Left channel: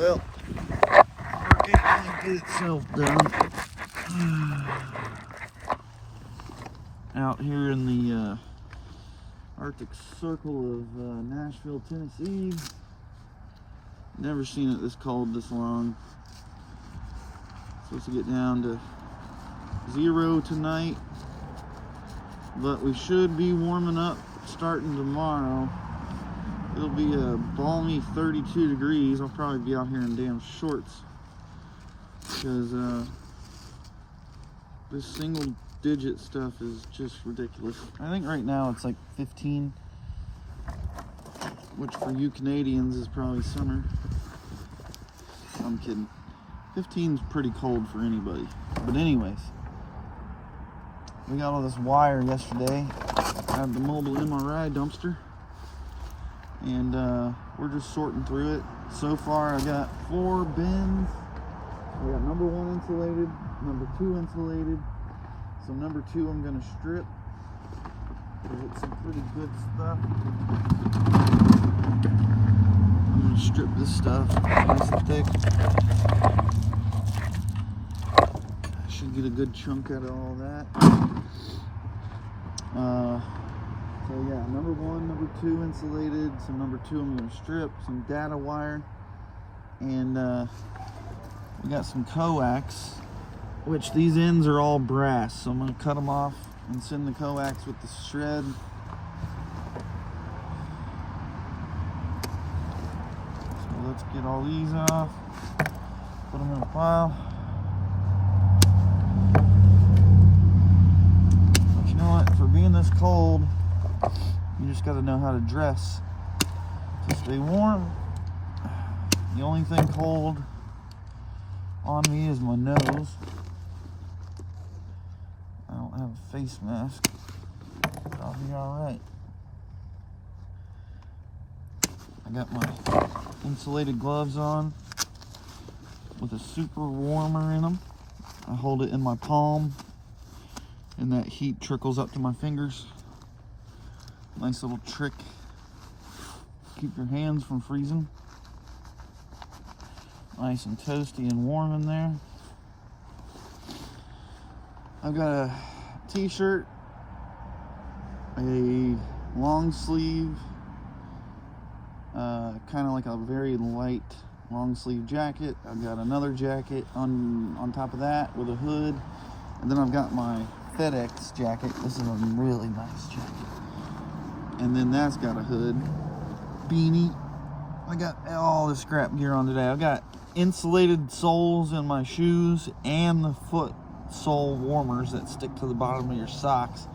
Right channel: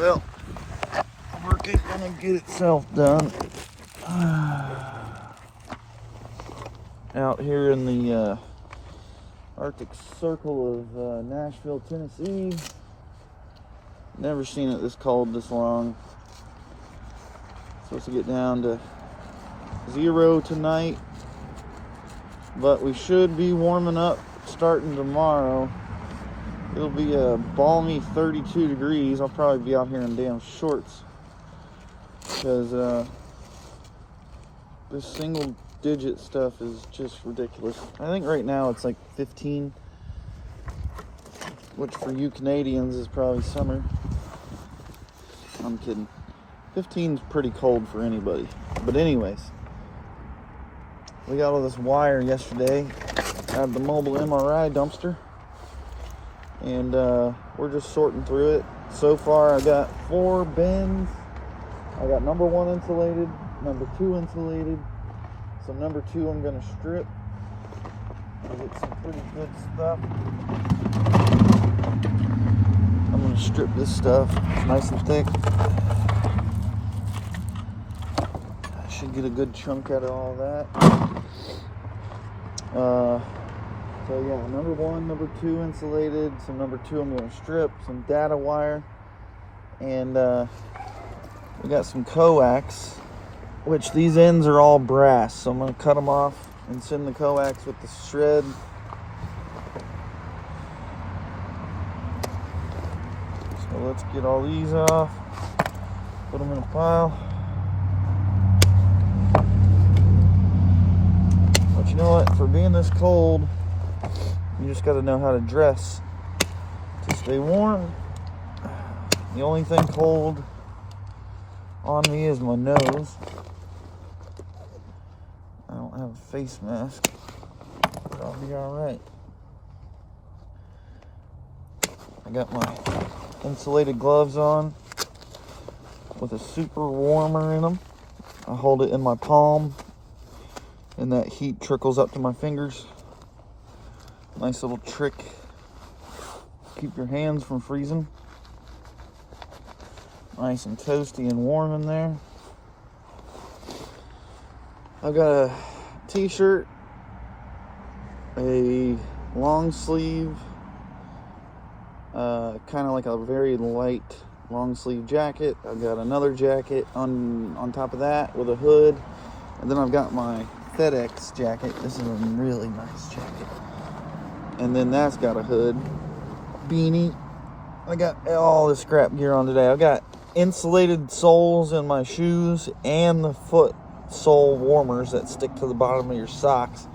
Well, work ain't gonna get itself done. Out here in the Arctic Circle of Nashville, Tennessee. Never seen it this cold this long. Supposed to get down to 0 tonight, but we should be warming up starting tomorrow. It'll be a balmy 32 degrees. I'll probably be out here in damn shorts because this single digit stuff is just ridiculous. I think right now it's like 15, which for you Canadians is probably summer. I'm kidding. 15 is pretty cold for anybody. But anyways, we got all this wire yesterday at the mobile MRI dumpster, and we're just sorting through it. So far I got 4 bins. I got number 1 insulated, number 2 insulated. So number 2 I'm gonna strip. I get some pretty good stuff. I'm gonna strip this stuff nice and thick. I should get a good chunk out of all that. So yeah, number 1, number 2 insulated. Some number 2 I'm gonna strip, some data wire, and we got some coax, which these ends are all brass, so I'm going to cut them off and send the coax with the shred. So let's get all these off, put them in a pile. But you know what, for being this cold, you just got to know how to dress to stay warm. The only thing cold on me is my nose. I don't have a face mask, but I'll be alright. I got my insulated gloves on with a super warmer in them. I hold it in my palm and that heat trickles up to my fingers. Nice little trick. Keep your hands from freezing. Nice and toasty and warm in there. I've got a t-shirt, a long sleeve, kind of like a very light long sleeve jacket. I've got another jacket on top of that with a hood. And then I've got my FedEx jacket. This is a really nice jacket. And then that's got a hood, beanie. I got all the scrap gear on today. I've got insulated soles in my shoes and the foot sole warmers that stick to the bottom of your socks.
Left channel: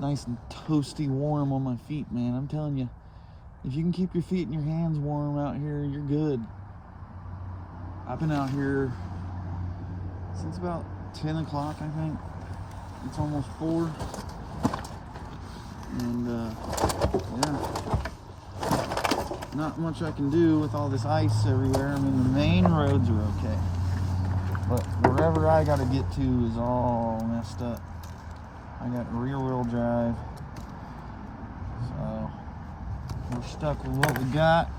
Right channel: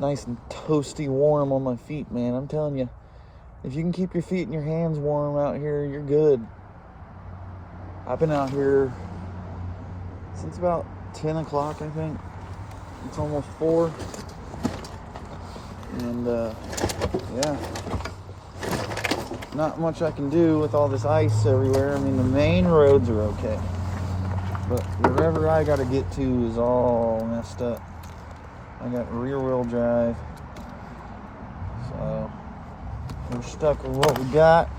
Nice and toasty warm on my feet, man. I'm telling you, if you can keep your feet and your hands warm out here, you're good. I've been out here since about 10 o'clock, I think. It's almost 4. And yeah, not much I can do with all this ice everywhere. I mean, the main roads are okay, but wherever I gotta get to is all messed up. I got rear wheel drive, so we're stuck with what we got.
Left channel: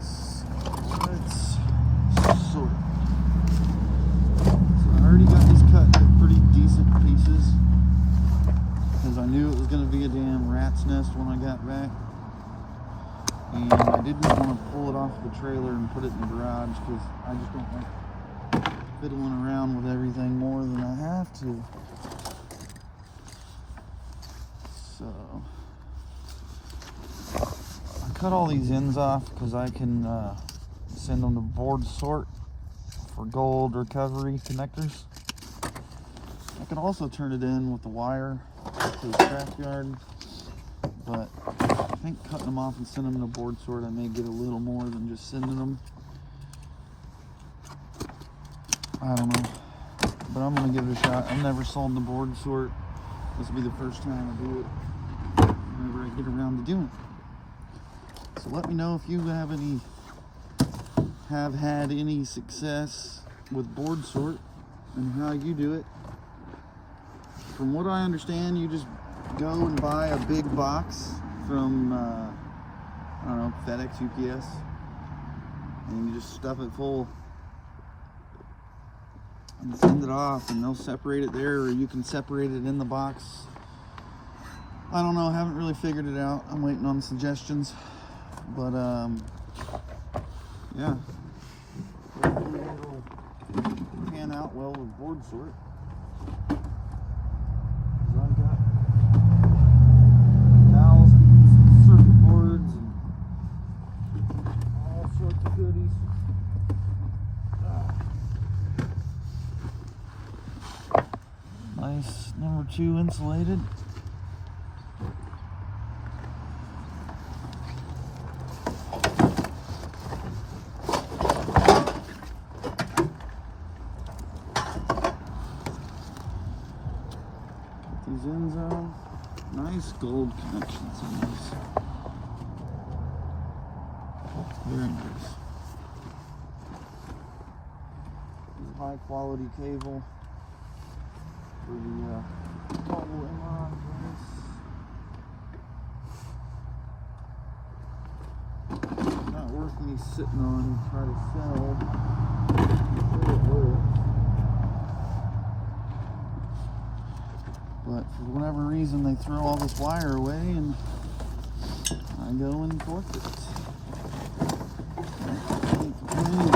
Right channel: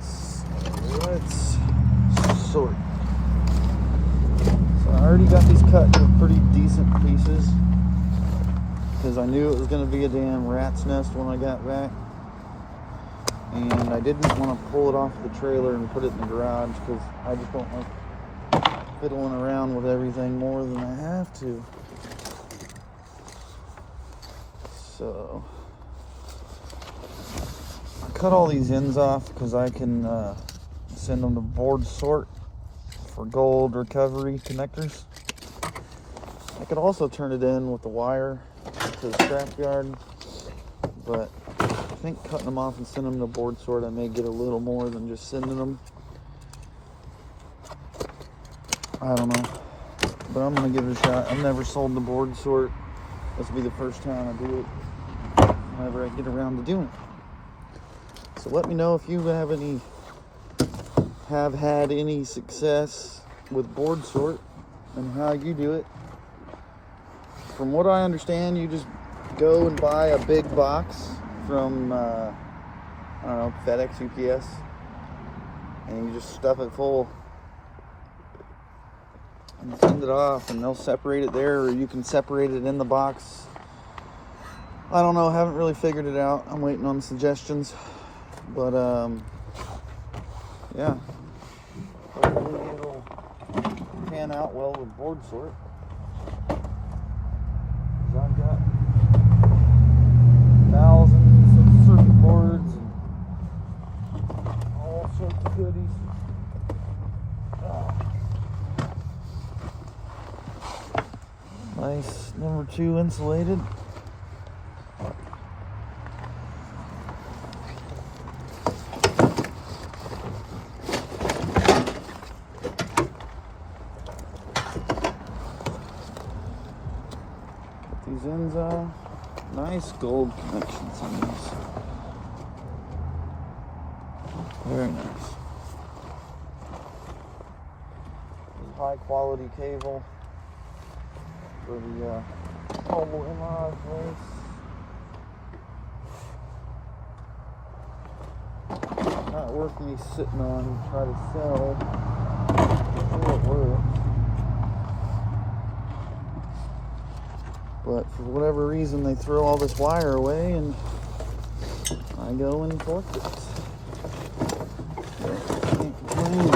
So let's sort. So I already got these cut into pretty decent pieces, because I knew it was going to be a damn rat's nest when I got back. And I didn't want to pull it off the trailer and put it in the garage, because I just don't like fiddling around with everything more than I have to. So I cut all these ends off because I can send them to board sort for gold recovery connectors. I could also turn it in with the wire to the scrapyard, but I think cutting them off and sending them to board sort, I may get a little more than just sending them. I don't know, but I'm gonna give it a shot. I've never sold the board sort. This will be the first time I do it, whenever I get around to doing it. So let me know if you have had any success with board sort and how you do it. From what I understand, you just go and buy a big box from, I don't know, FedEx, UPS, and you just stuff it full and send it off, and they'll separate it there, or you can separate it in the box. I don't know, haven't really figured it out. I'm waiting on suggestions, but yeah, hopefully it'll pan out well with board sort. I've got thousands of circuit boards and all sorts of goodies. Nice number 2 insulated. These ends are nice gold connections on these. Very nice. This is high quality cable for the mobile MRI place. Not worth me sitting on and try to sell. See what works. But for whatever reason, they throw all this wire away, and I go and collect it. Can't complain.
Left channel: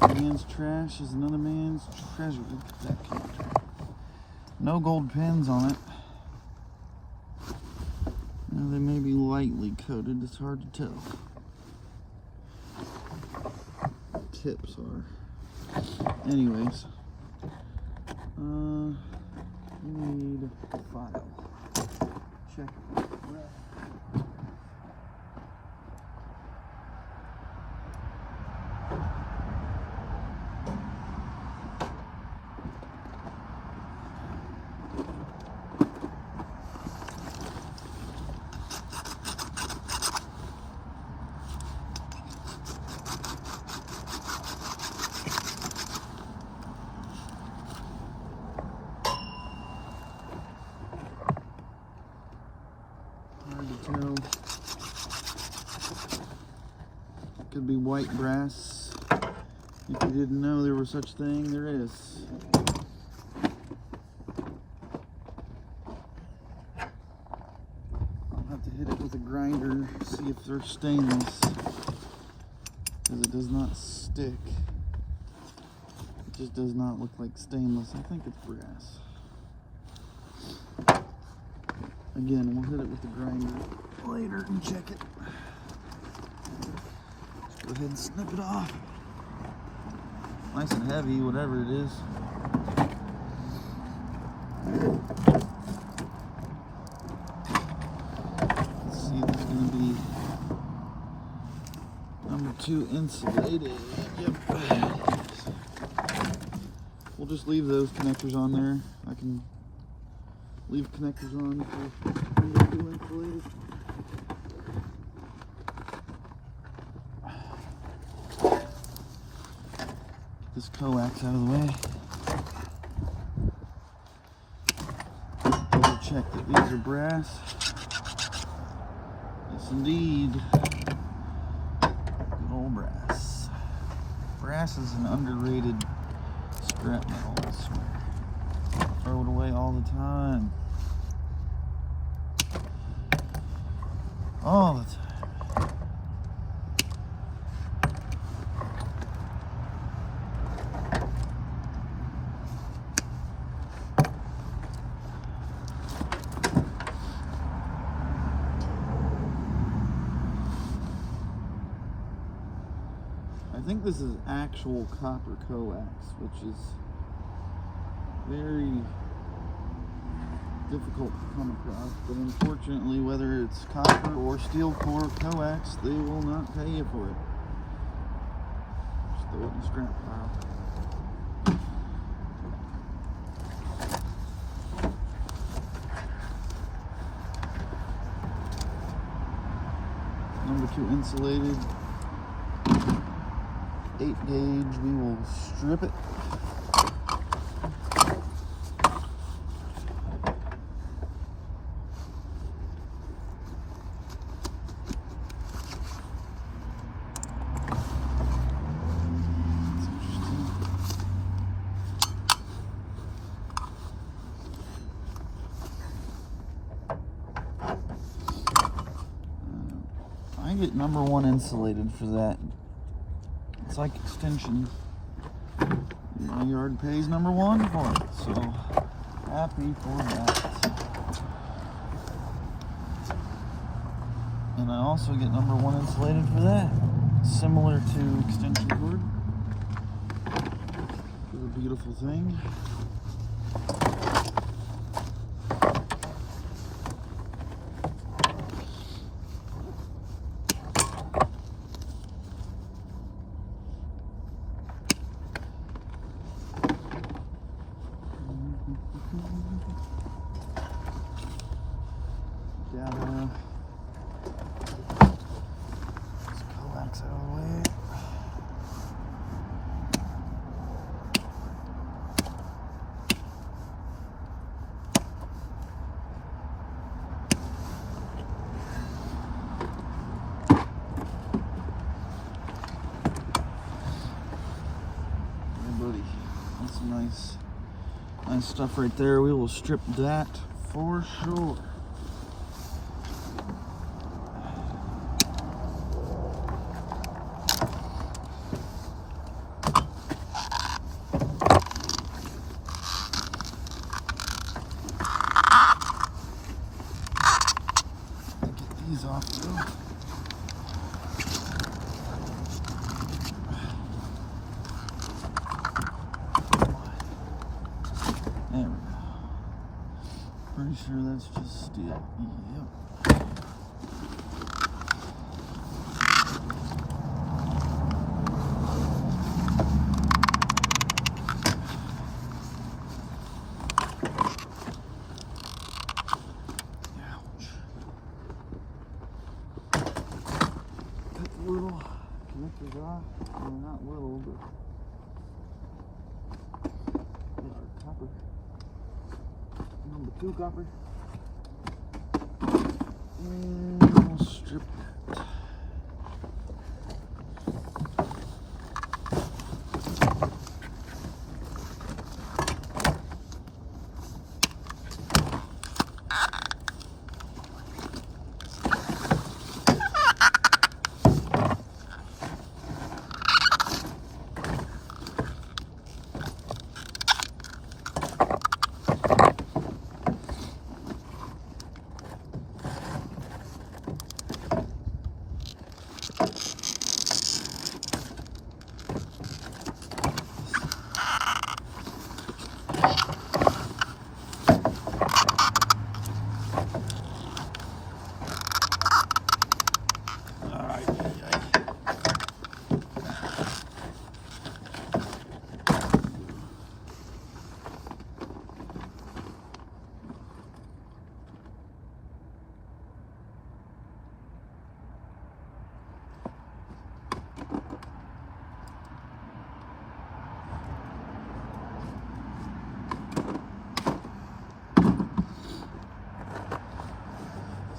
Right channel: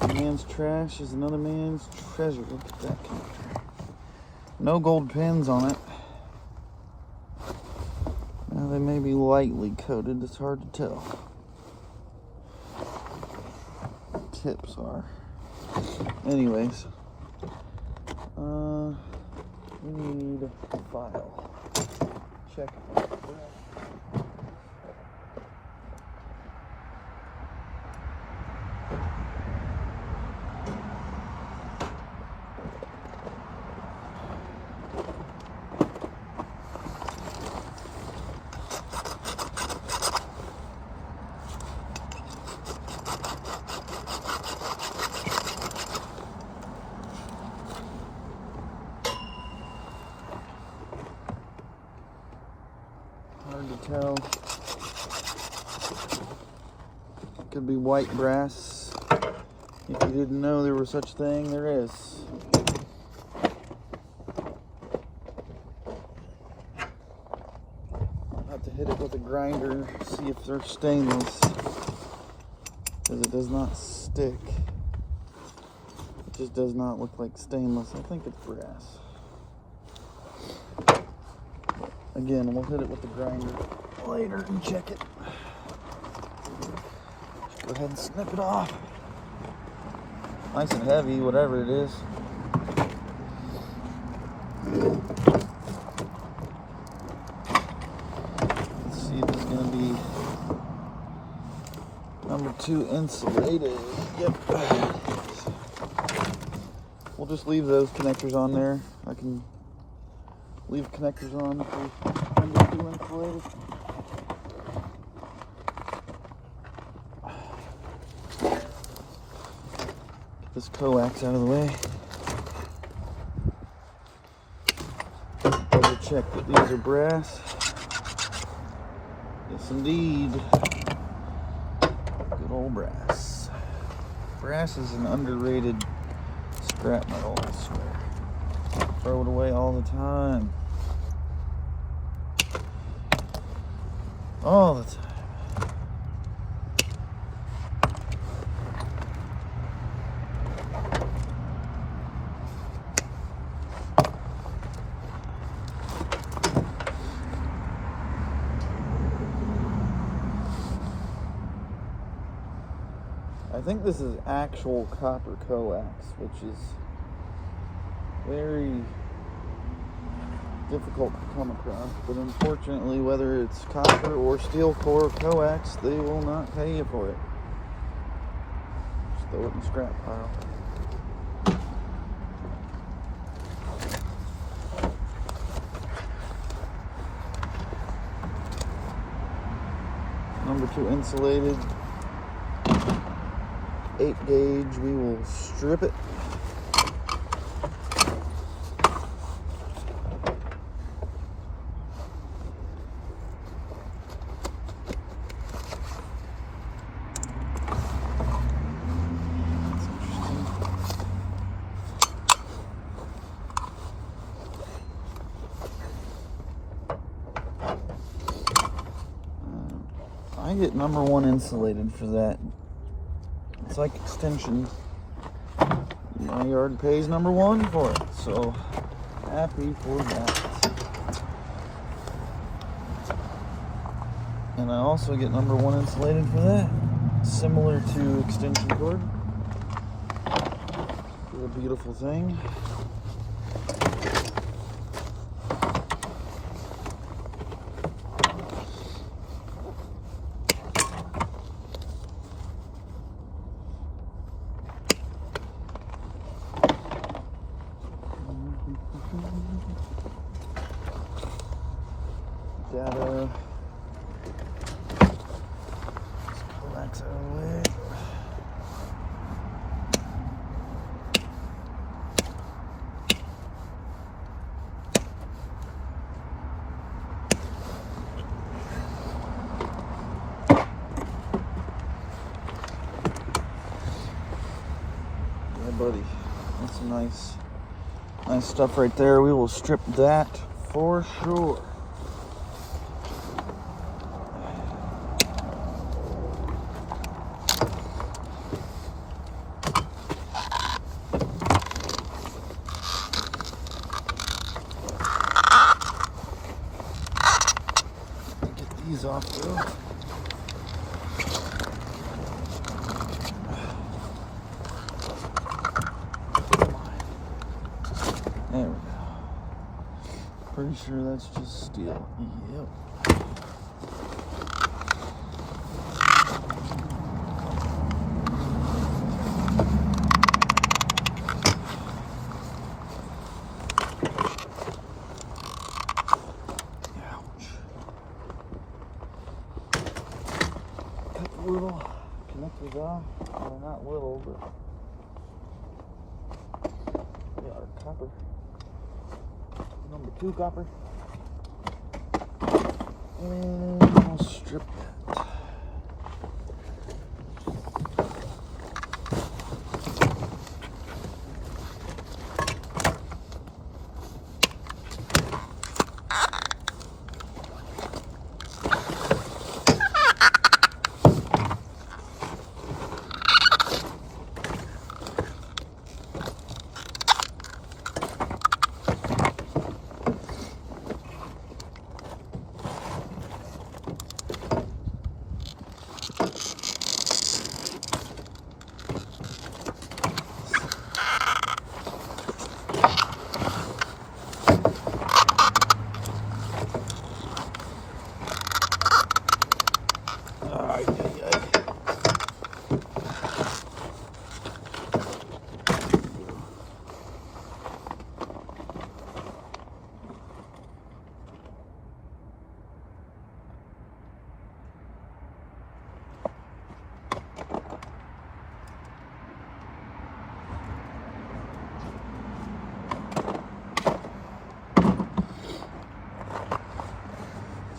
A man's trash is another man's treasure. Look at that connector. No gold pins on it. Now they may be lightly coated. It's hard to tell. Tips are. Anyways. We need a file. Check. Hard to tell. Could be white brass. If you didn't know there was such thing, there is. I'll have to hit it with a grinder, see if they're stainless, because it does not stick. It just does not look like stainless. I think it's brass. Again, we'll hit it with the grinder later and check it. Go ahead and snip it off. Nice and heavy, whatever it is. Let's see if it's going to be number 2 insulated. Yep. We'll just leave those connectors on there. I can leave connectors on if they're number 2 insulated. Get this coax out of the way. Double check that these are brass. Yes, indeed. Good old brass. Brass is an underrated scrap metal, I swear. Throw it away all the time. All the time. I think this is actual copper coax, which is very difficult to come across, but unfortunately, whether it's copper or steel core coax, they will not pay you for it. Just throw it in the scrap pile. Number 2 insulated, 8 gauge, we will strip it. I get #1 insulated for that. It's like extension. My yard pays #1 for it, so happy for that. And I also get #1 insulated for that. Similar to extension cord. It's a beautiful thing. Data. Just coax out of the way. Yeah, buddy. That's nice stuff right there. We will strip that for sure. These off though. There we go. Pretty sure that's just steel. Yep. Little connectors off. Well, not little, but we got our copper. #2 copper. And we'll strip that.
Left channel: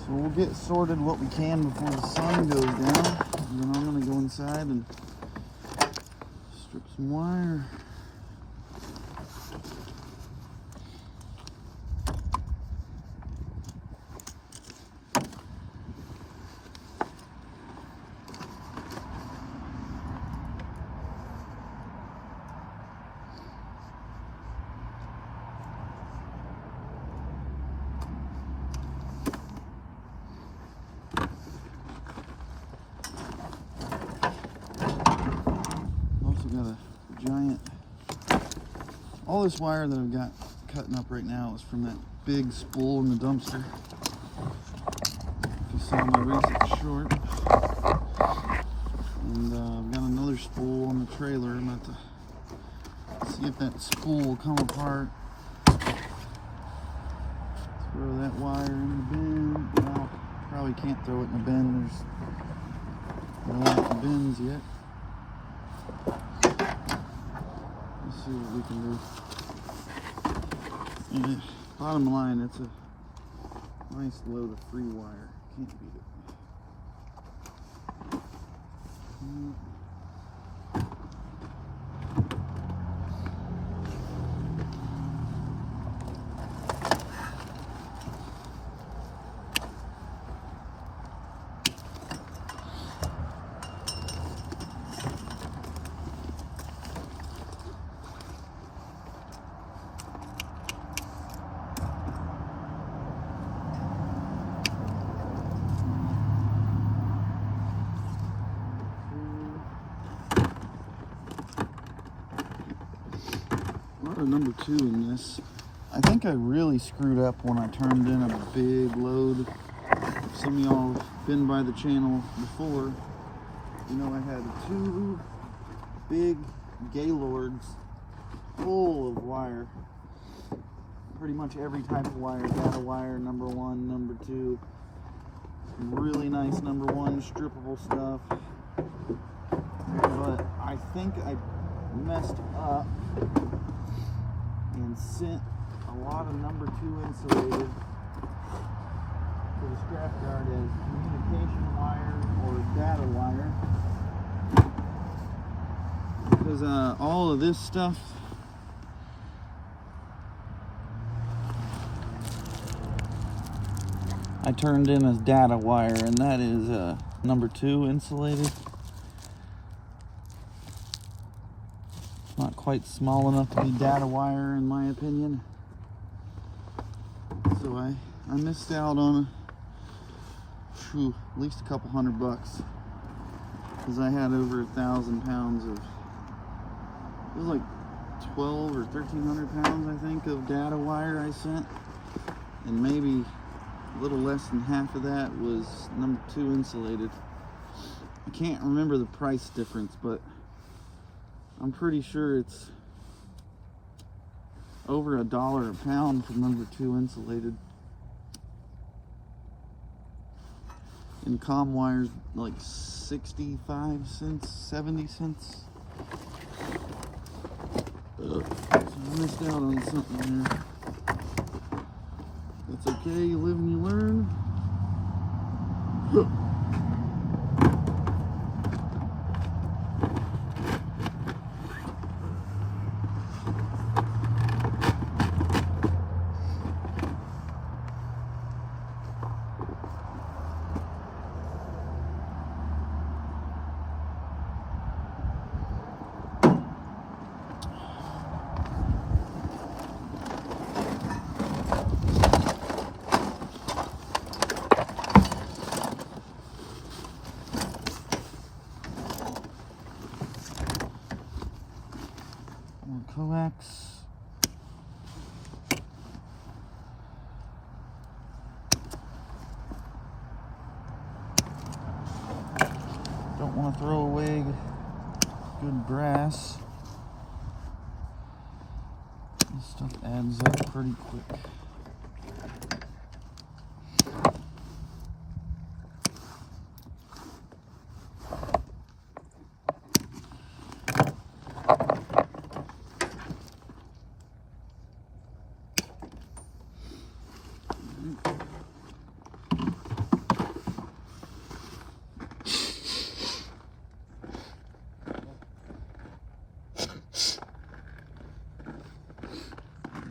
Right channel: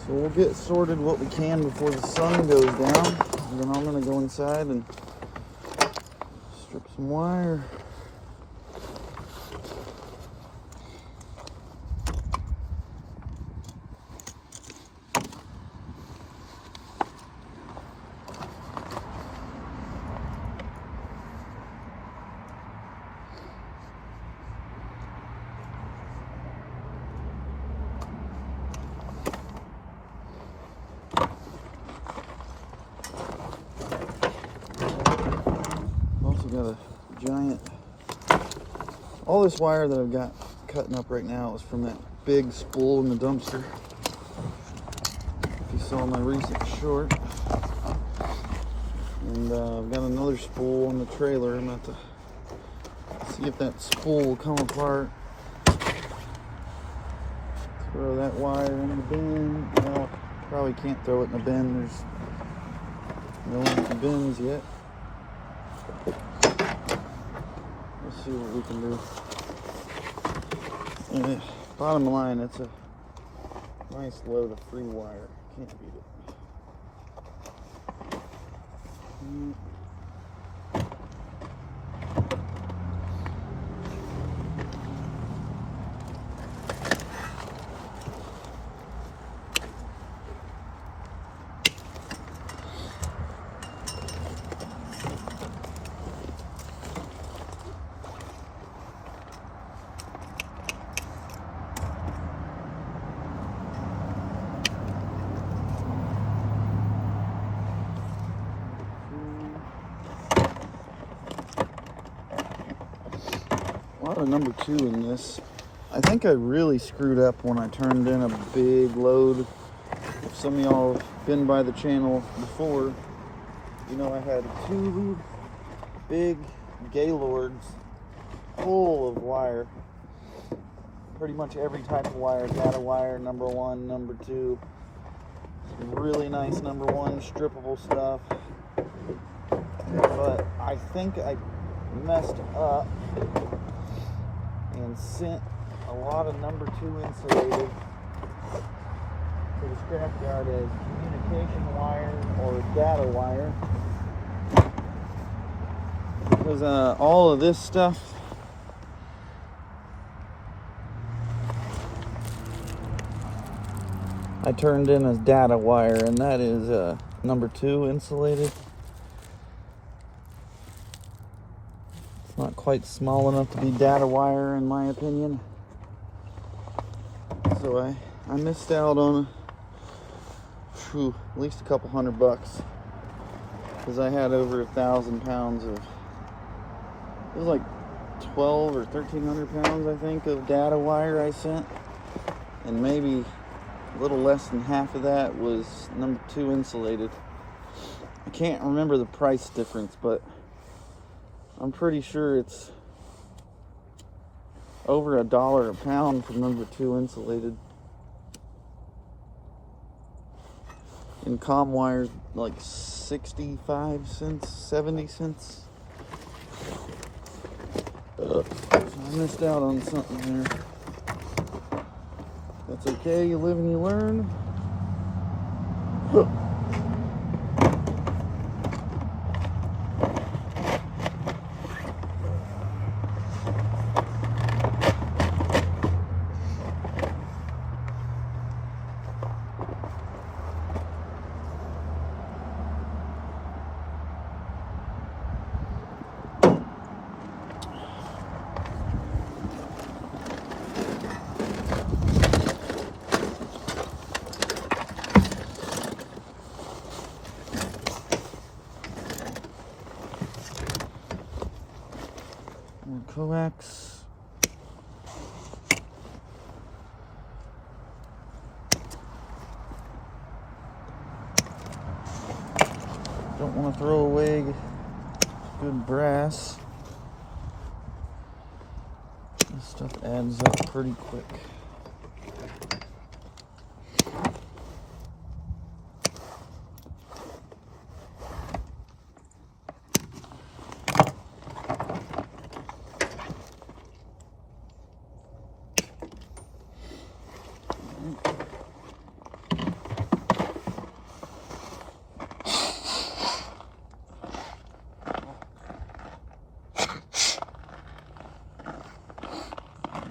So we'll get sorted what we can before the sun goes down. And then I'm going to go inside and strip some wire. Got a giant, all this wire that I've got cutting up right now is from that big spool in the dumpster. If you saw my recent short. And I've got another spool on the trailer. I'm about to see if that spool will come apart. Throw that wire in the bin. Well, probably can't throw it in the bin. We don't have the bins yet. Let's see what we can do. And bottom line, it's a nice load of free wire. Can't beat it. a number 2 in this. I think I really screwed up when I turned in a big load. If some of y'all have been by the channel before, you know I had 2 big Gaylords full of wire. Pretty much every type of wire. Data wire, number 1, number 2. Some really nice number 1 strippable stuff. But I think I messed up and sent a lot of number 2 insulated to the scrapyard as communication wire or data wire. Because all of this stuff I turned in as data wire, and that is number 2 insulated. It's not quite small enough to be data wire in my opinion. So I missed out on at least a couple $100 because I had over 1,000 pounds of, it was like 12 or 1,300 pounds I think of data wire I sent, and maybe a little less than half of that was number 2 insulated. I can't remember the price difference, but I'm pretty sure it's over $1 a pound for number 2 insulated. And comm wires like 65 cents, 70 cents. So I missed out on something there. That's okay, you live and you learn. More coax. Don't want to throw away good brass. This stuff adds up pretty quick.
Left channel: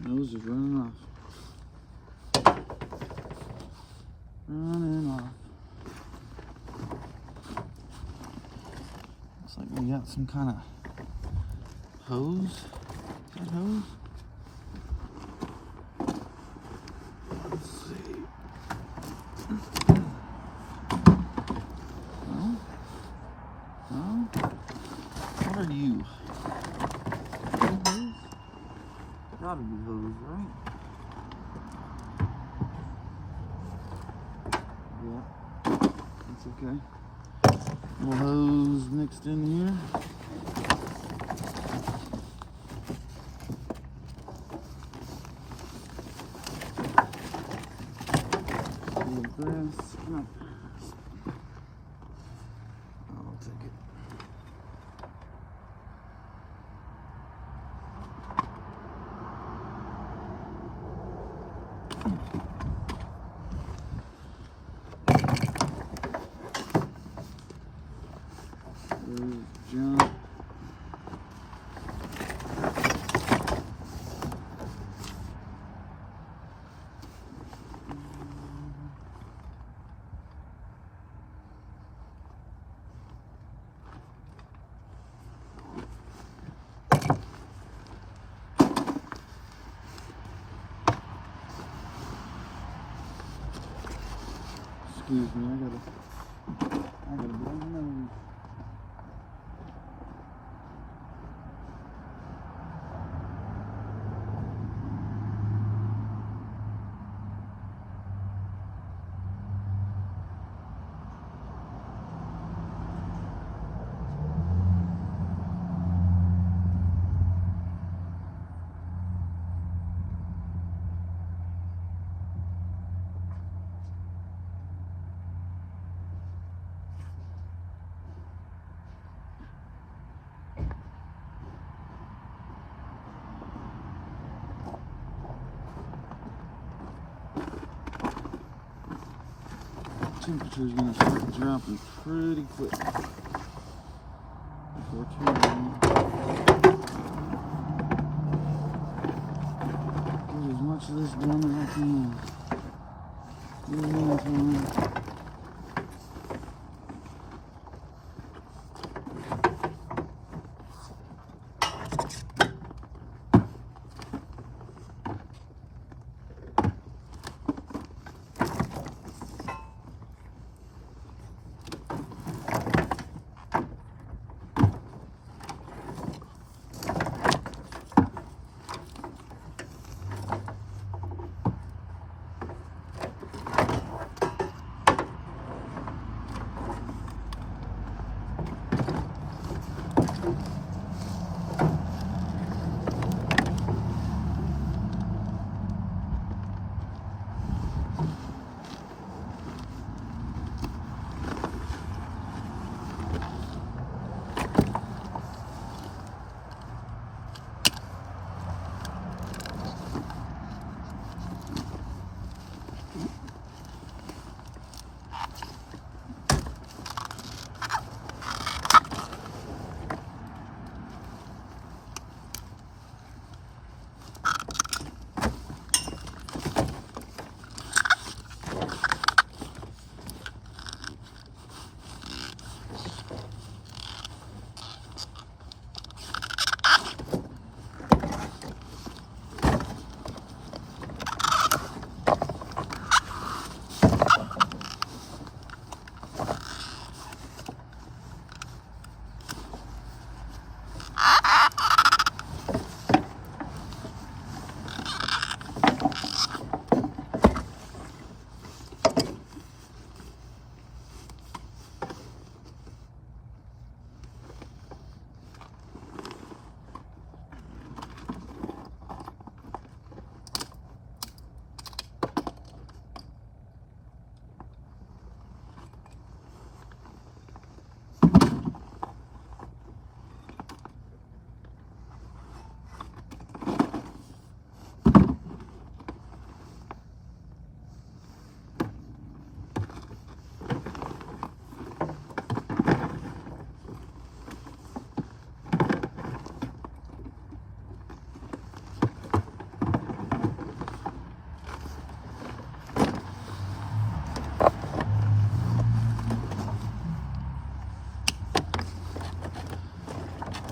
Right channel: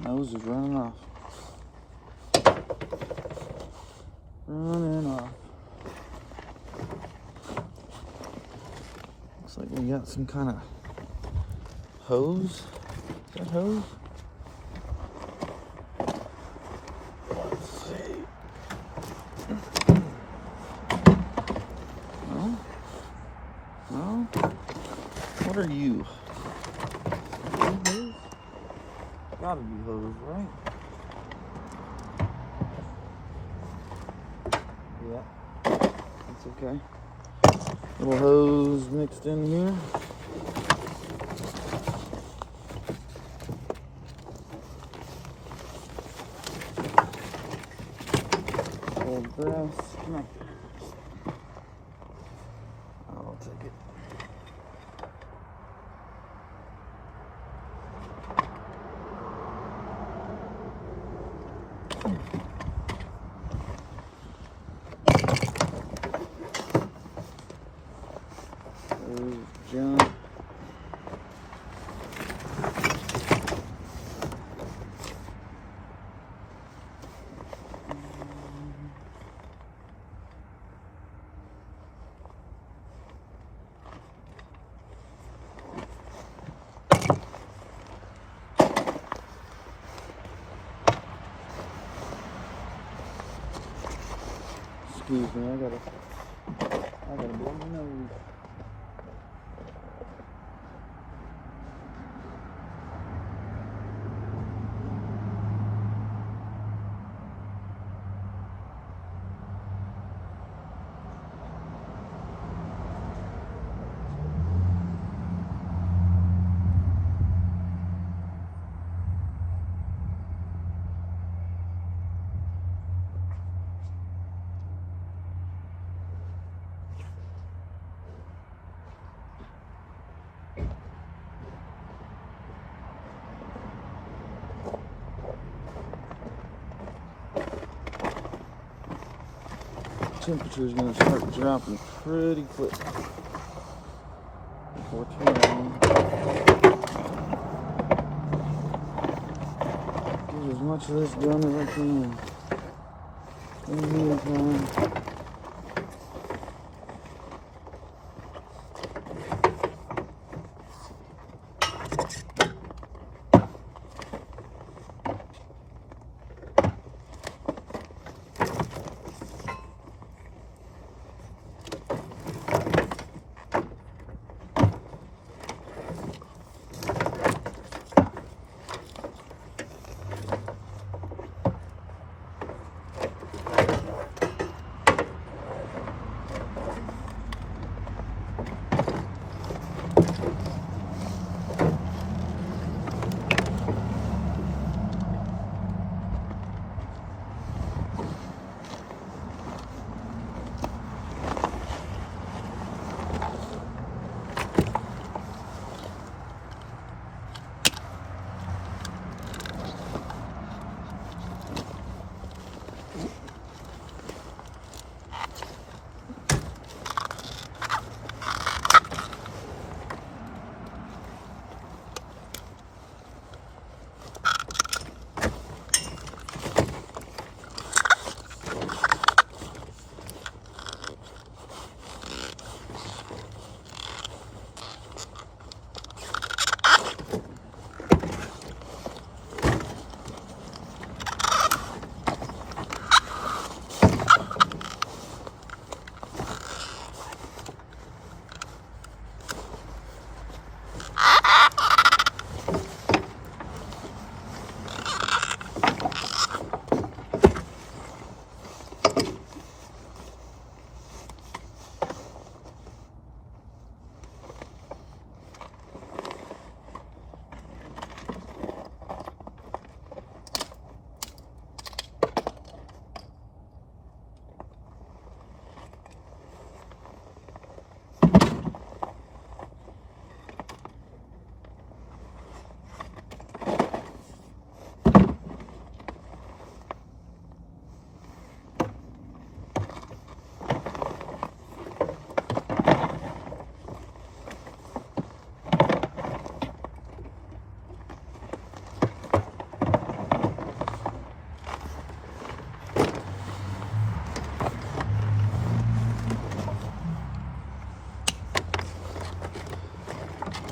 Nose is running off. Running off. Looks like we got some kind of hose. Is that hose? Let's see. No? No? What are you? Gotta be hose, right? Yeah, that's okay. Little hose mixed in here. Old brass. I'll take it. Jump. Excuse me, I gotta blow my nose. temperature is going to start dropping pretty quick. Before too long. Get as much of this done as I can. In the meantime.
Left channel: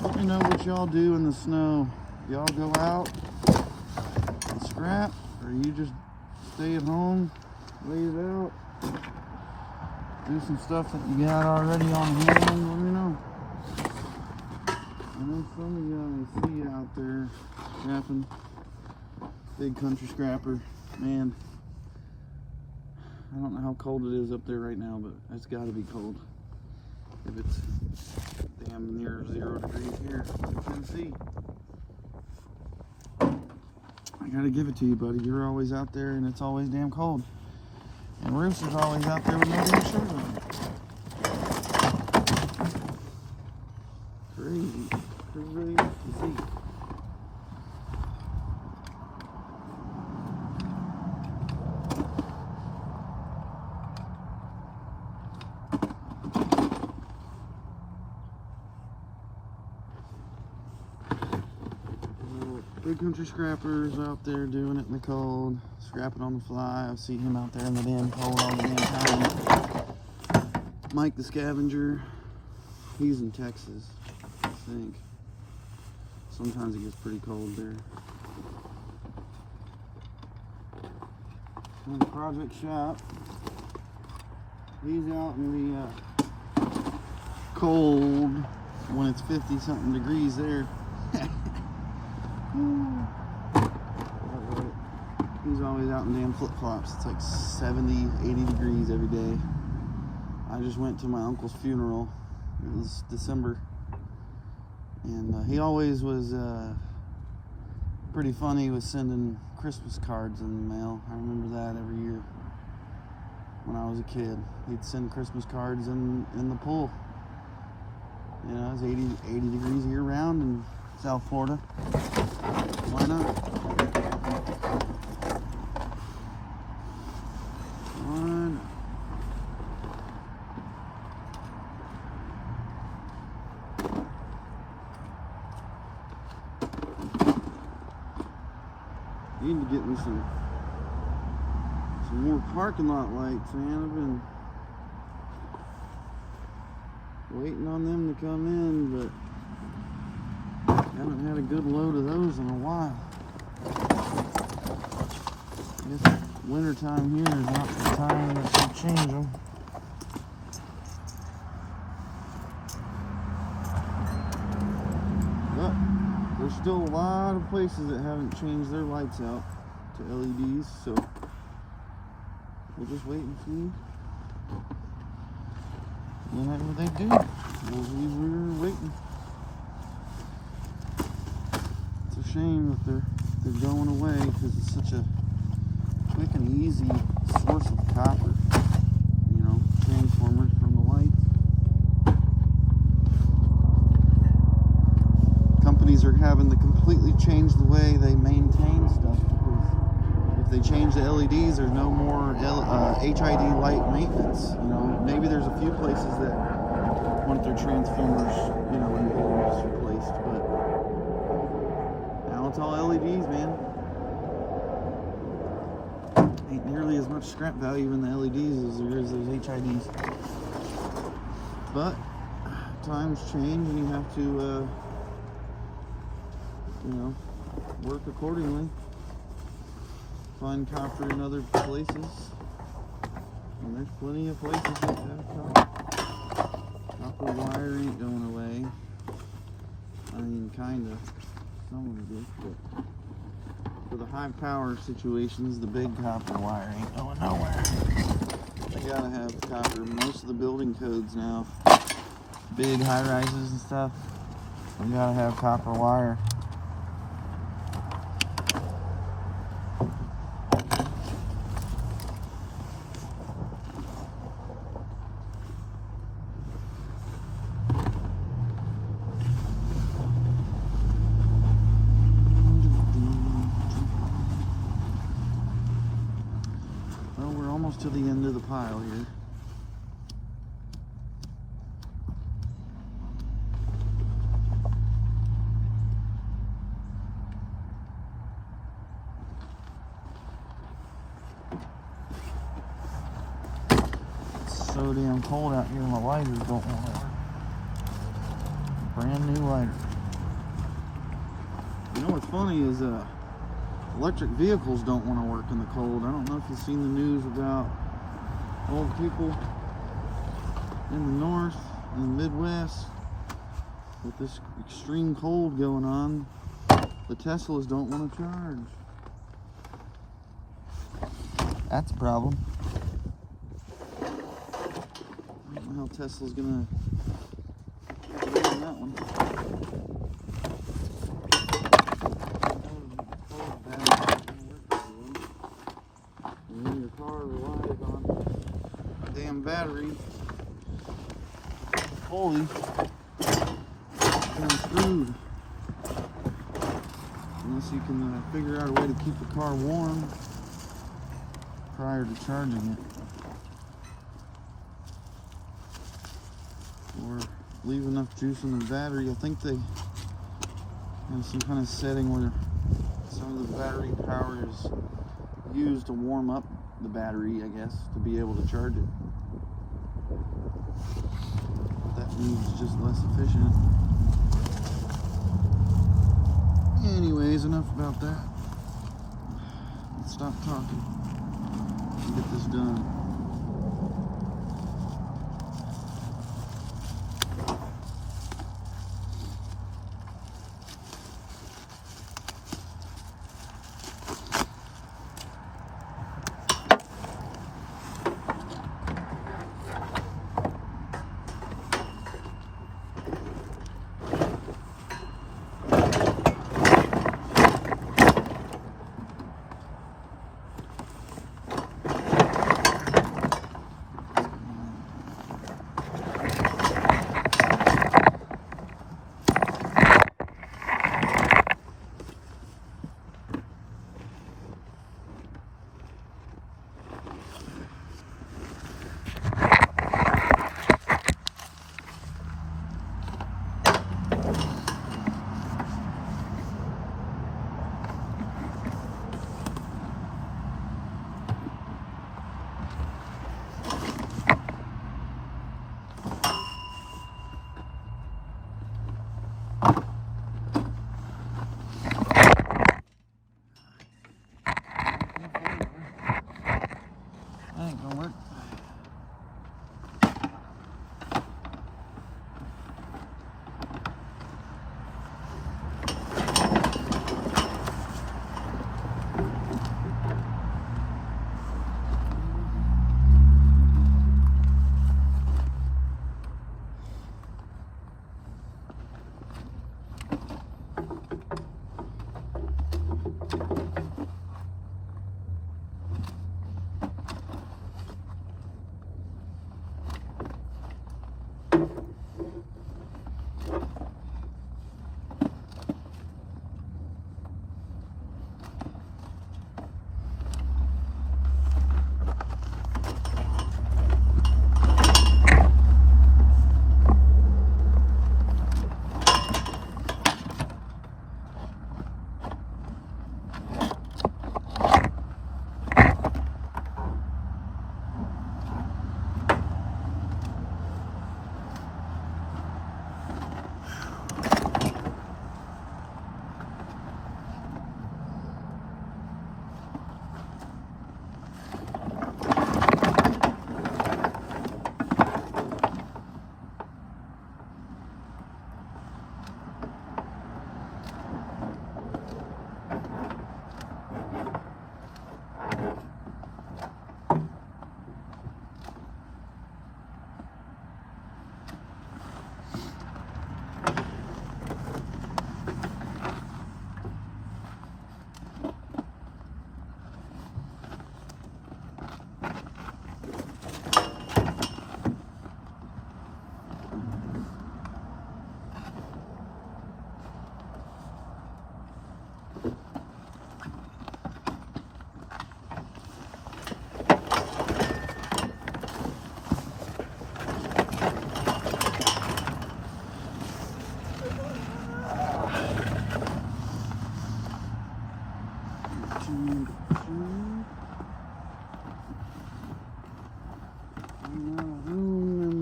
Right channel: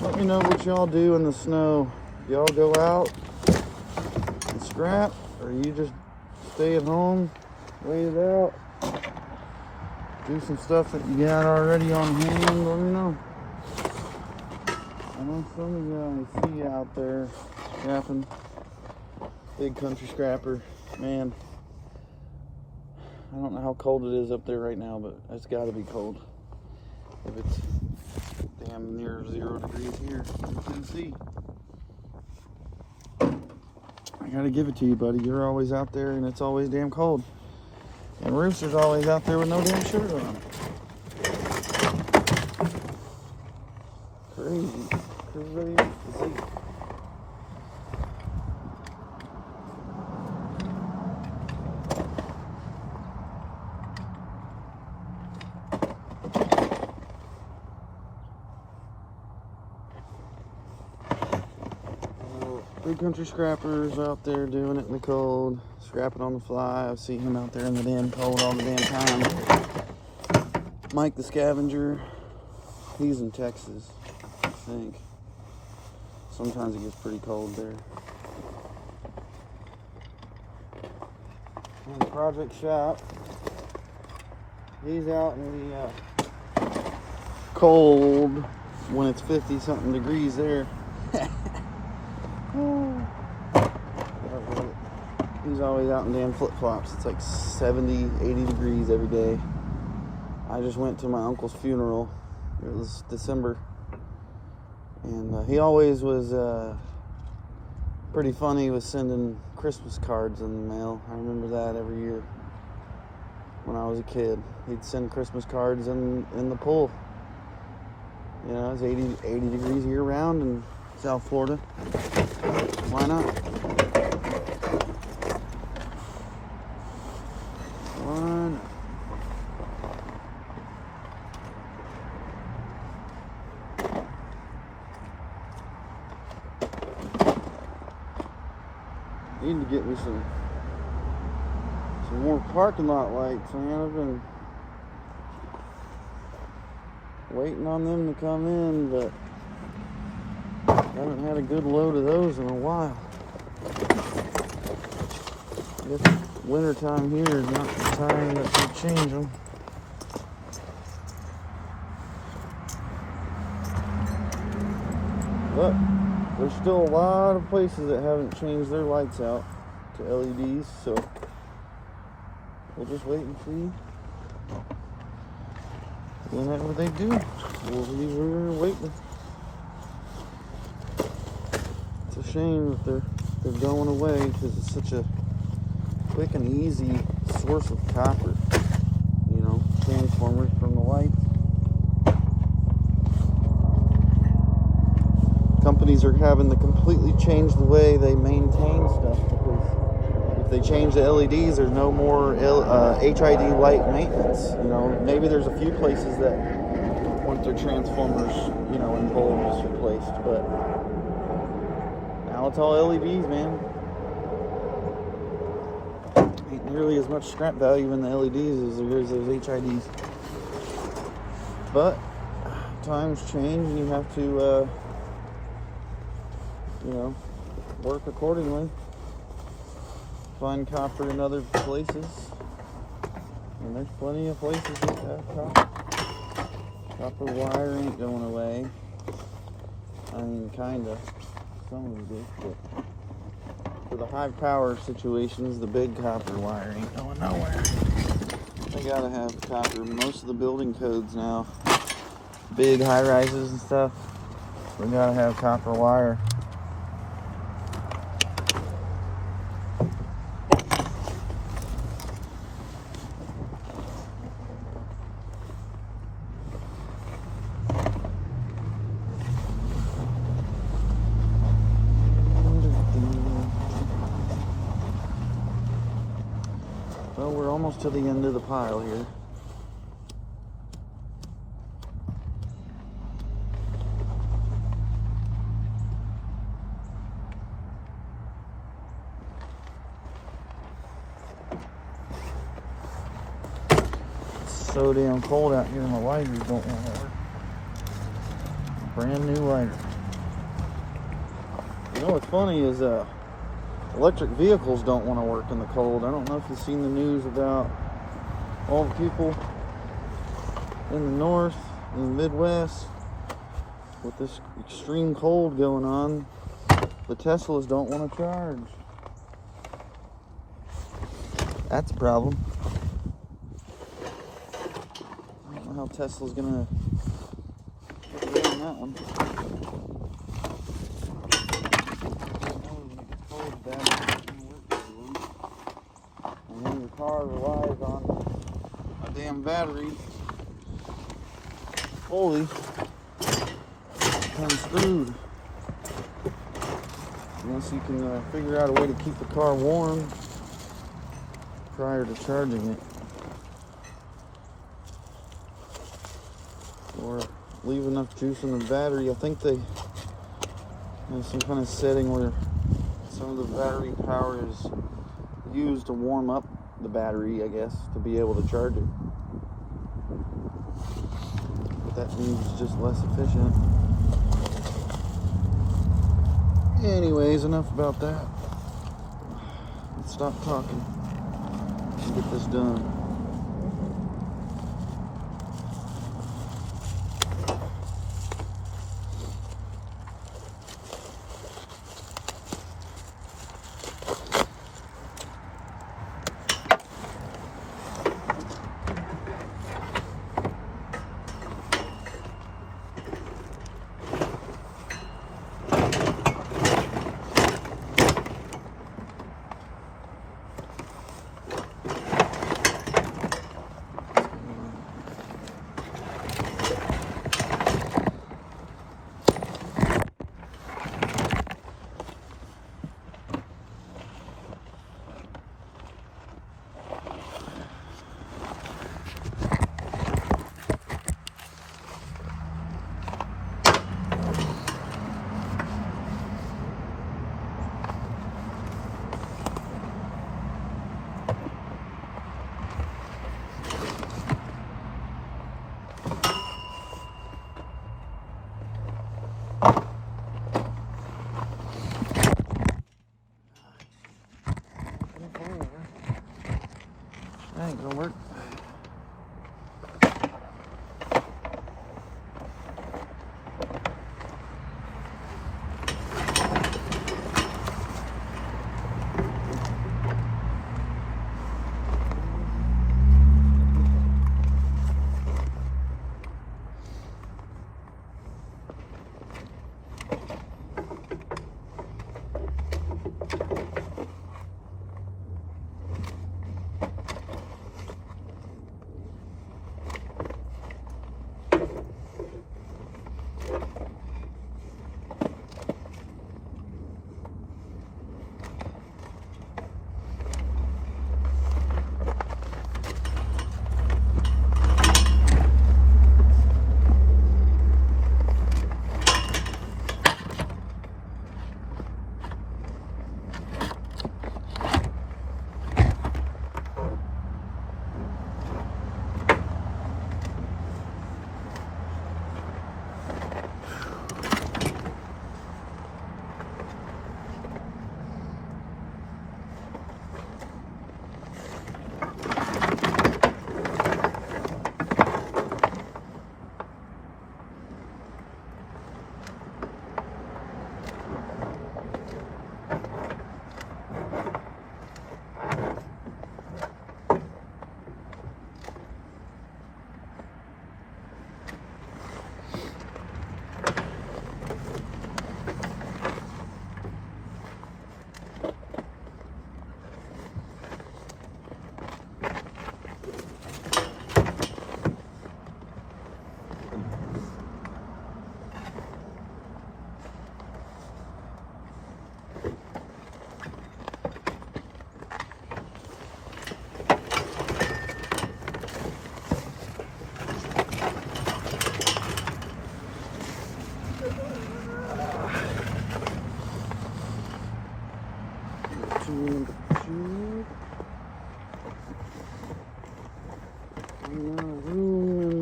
Let me know what y'all do in the snow. Y'all go out and scrap, or you just stay at home, wait it out, do some stuff that you got already on hand. Let me know. I know some of you guys see you out there scrapping. Big country scrapper. Man, I don't know how cold it is up there right now, but it's got to be cold. If it's damn near 0 degrees here in Tennessee. I gotta give it to you, buddy. You're always out there and it's always damn cold. And Rooster's always out there with no damn shirt on. Crazy. Crazy. Big country scrappers out there doing it in the cold, scrapping on the fly. I see him out there in the damn cold all the damn time. Mike the scavenger, he's in Texas, I think. Sometimes it gets pretty cold there. And the project shop, he's out in the cold when it's 50 something degrees there. He's always out in damn flip-flops. It's like 70, 80 degrees every day. I just went to my uncle's funeral. It was December. And he always was pretty funny with sending Christmas cards in the mail. I remember that every year when I was a kid. He'd send Christmas cards in the pool. You know, it's 80 degrees year round in South Florida. Why not? Why not? do some more parking lot lights, man. I've been waiting on them to come in, but haven't had a good load of those in a while. I guess winter time here is not the time that should change them. But there's still a lot of places that haven't changed their lights out to LEDs, so we'll just wait and see. Whenever they do, we're waiting. It's a shame that they're going away because it's such a quick and easy source of copper. You know, transformers from the lights. Companies are having to completely change the way they maintain stuff because if they change the LEDs, there's no more HID light maintenance. You know, maybe there's a few places that want their transformers, you know, and bulbs replaced, but now it's all LEDs, man. Ain't nearly as much scrap value in the LEDs as there is those HIDs. But times change, and you have to, you know, work accordingly. Find copper in other places, and there's plenty of places that have copper. Copper wire ain't going away. I mean, kinda. Some of them do, but for the high power situations, the big copper wire ain't going nowhere. They gotta have copper. Most of the building codes now, big high rises and stuff, we gotta have copper wire. Well, we're almost to the end of the pile here. It's so damn cold out here, my lighters don't want to work. Brand new lighter. You know what's funny is electric vehicles don't want to work in the cold. I don't know if you've seen the news about all the people in the north, in the Midwest, with this extreme cold going on. The Teslas don't want to charge. That's a problem. I don't know how Tesla's gonna get on that one. And then your car relies on a damn battery fully, kind of screwed. Unless you can figure out a way to keep the car warm prior to charging it, or leave enough juice in the battery. I think they have some kind of setting where some of the battery power is used to warm up the battery, I guess, to be able to charge it. But that means it's just less efficient. Anyways, enough about that. Let's stop talking. Let's get this done. That ain't gonna work.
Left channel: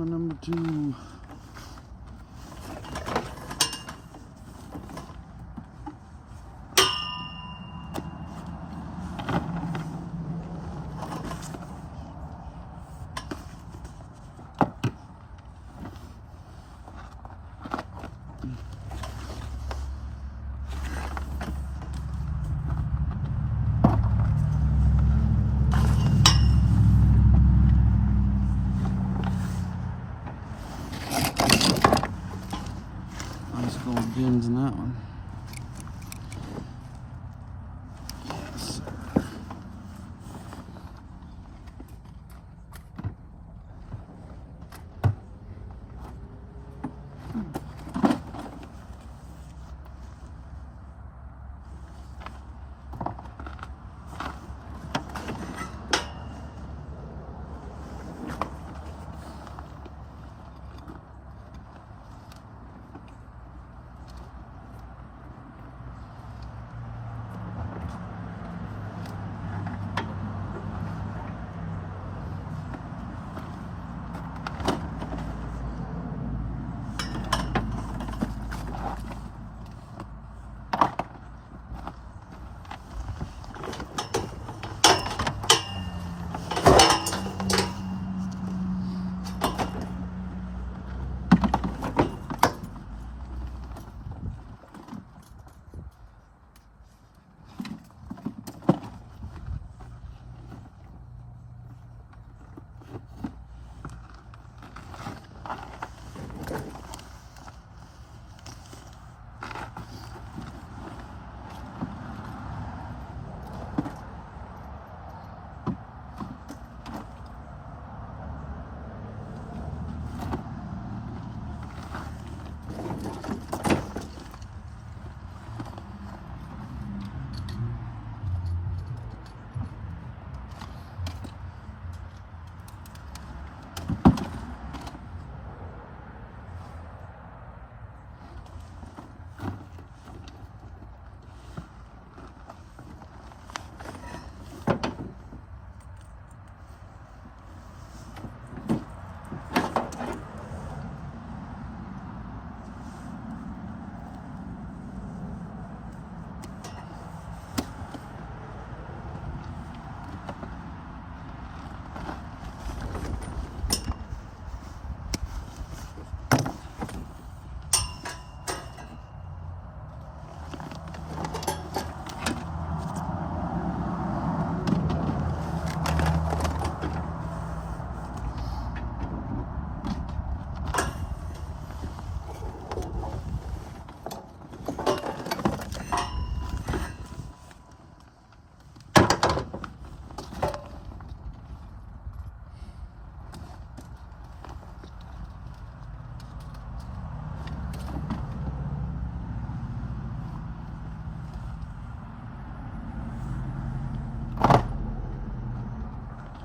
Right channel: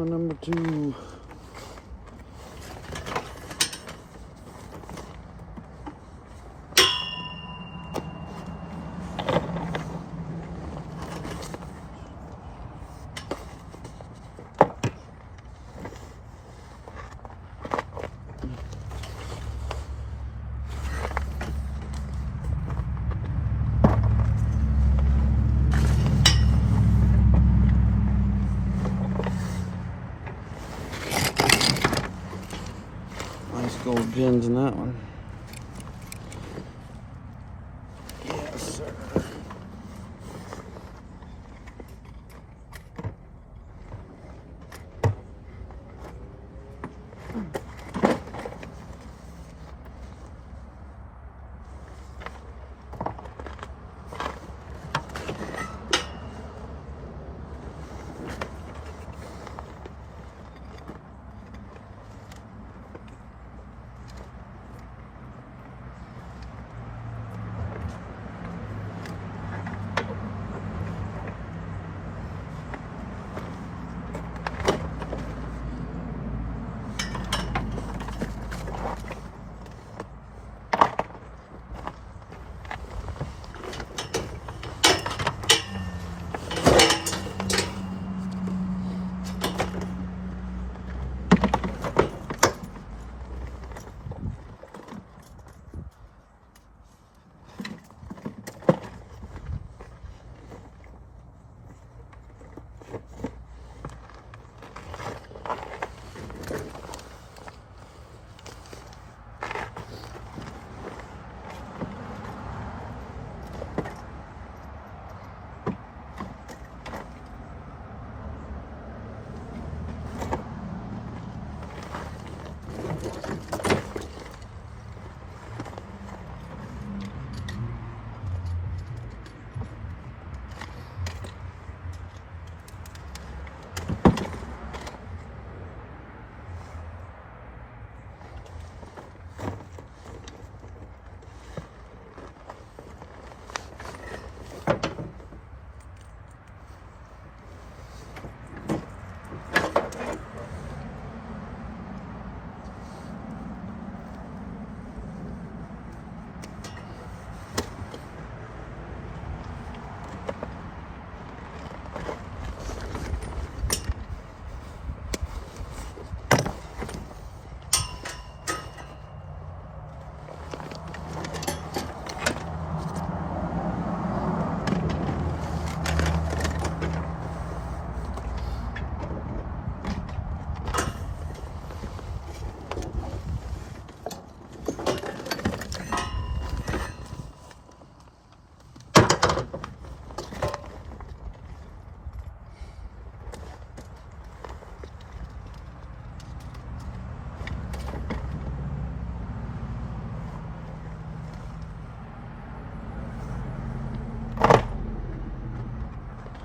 Number two. Nice gold gems in that one. Yes, sir.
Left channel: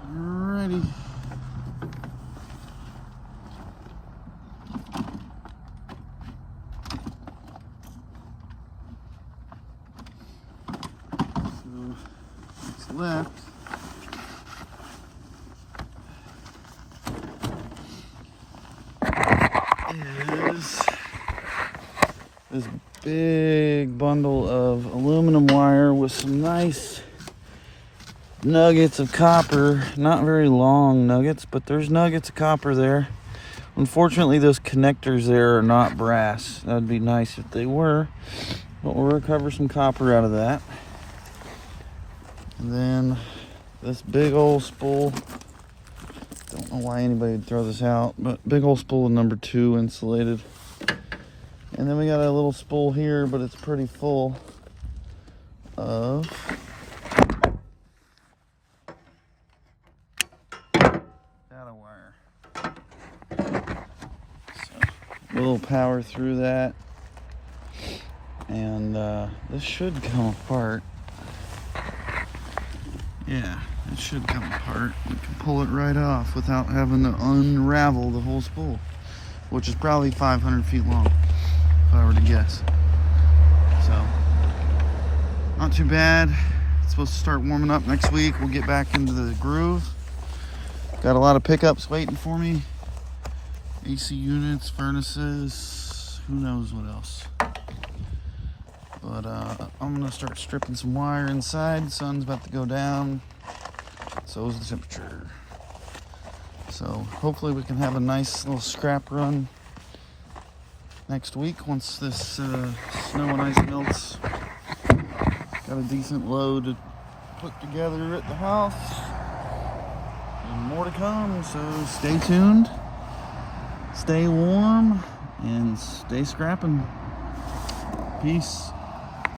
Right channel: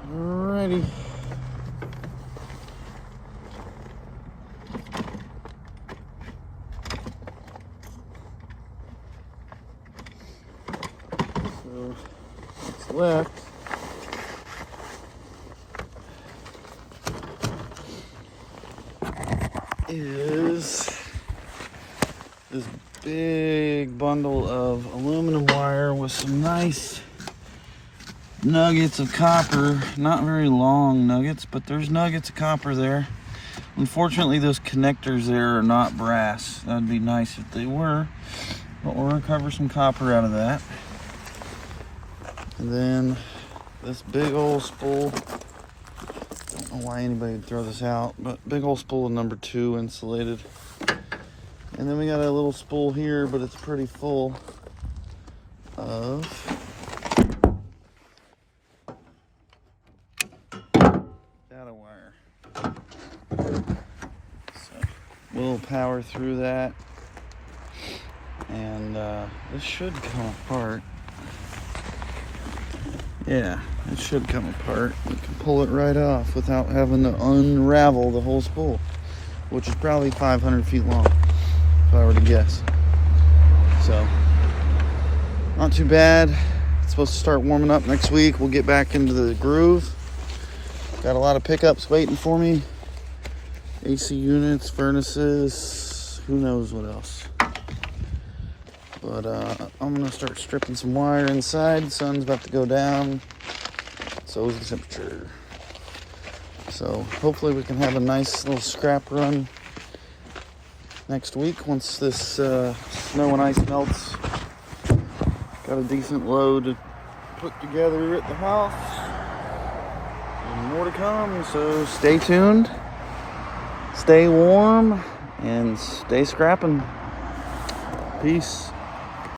Alrighty. So what's left is this big bundle of aluminum wire with some nice nuggets of copper. Not very long nuggets, but there's nuggets of copper there. Unfortunately, those connectors there are not brass. That would be nice if they were, but we'll recover some copper out of that. And then this big old spool. Don't know why anybody would throw this out, but big old spool of number 2 insulated. And then we got a little spool here, but it's pretty full of data wire. So we'll power through that, and this should come apart. Yeah, it should come apart. We can pull it right off without having to unravel the whole spool, which is probably 500 feet long, if I were to guess. So, not too bad. It's supposed to start warming up next week. We'll get back into the groove. Got a lot of pickups waiting for me. AC units, furnaces, who knows what else. But I'm gonna start stripping some wire inside. The sun's about to go down. So is the temperature. So hopefully we can have a nice little scrap run next week once this snow and ice melts. Got a decent load to put together at the house. And more to come, so stay tuned, stay warm, and stay scrapping. Peace.